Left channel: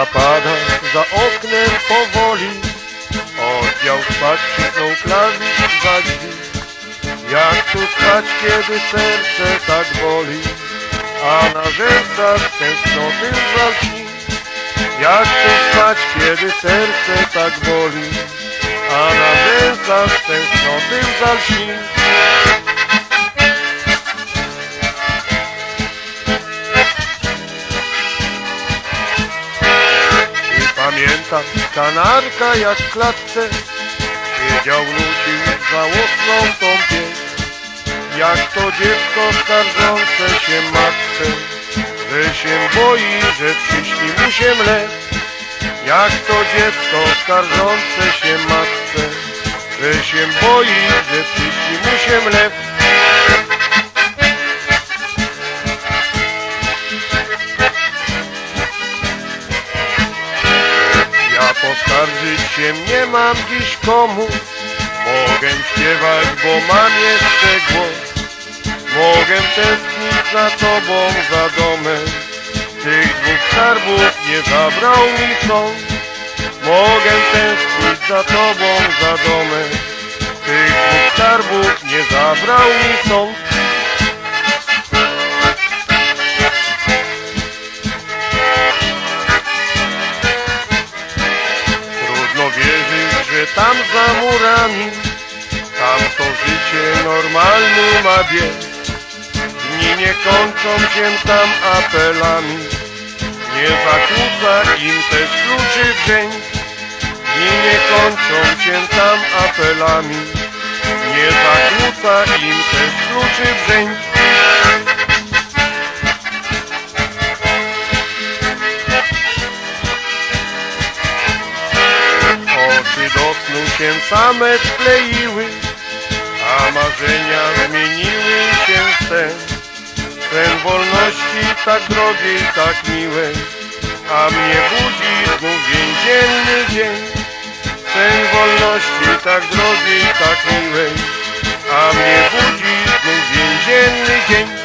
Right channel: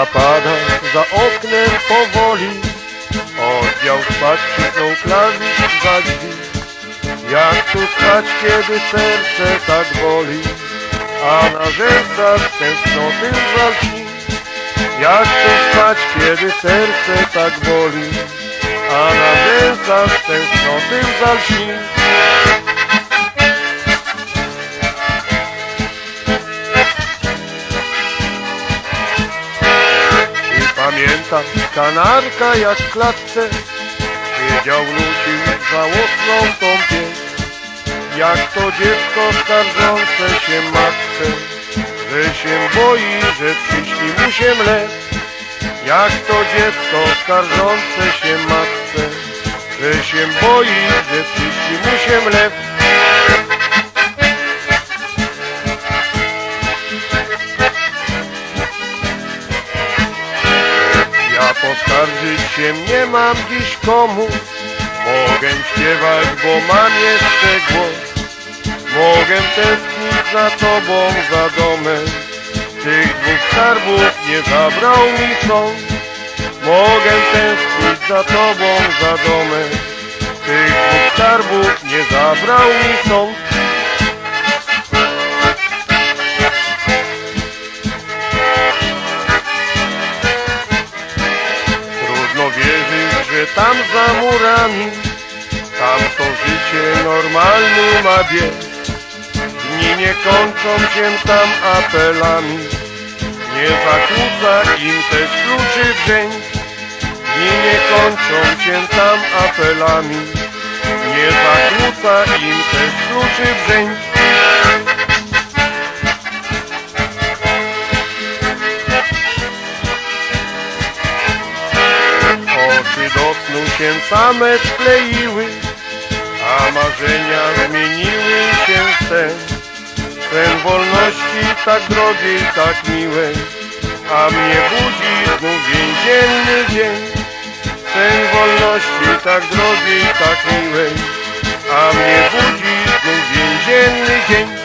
zapada za oknem powoli. Oddział spać krzyknął klawisz za drzwi Jak tu spać, kiedy serce tak boli? A na rzęsach tęsknoty żal dni Jak tu spać, kiedy serce tak boli? A na rzęsach tęsknoty żal pamiętam kanarka jak w klatce. Siedział lubi żałosną tą pieśń. Jak to dziecko skarżące się matce Że się boi, że przyśni mu się mlek Jak to dziecko skarżące się matce Że się boi, że przyśni mu się mlek Ja poskarżyć się nie mam dziś komu. Mogę śpiewać, bo mam jeszcze głos. Mogę tęsknić za tobą, za domem. Tych dwóch skarbów nie zabrał mi sąd. Mogę tęsknić za tobą, za domem. Tych dwóch skarbów nie zabrał mi sąd tam za murami. Tam to życie normalny ma bieg Dni nie kończą się tam apelami. Nie zakłóca im też kluczy dzień. Dni nie kończą się tam apelami. Nie zakłóca im też kluczy dzień się same skleiły, a marzenia zmieniły się w sen. Sen wolności tak drogiej, tak miłej, a mnie budzi znów więzienny dzień. Sen wolności tak drogiej, tak miłej, a mnie budzi znów więzienny dzień.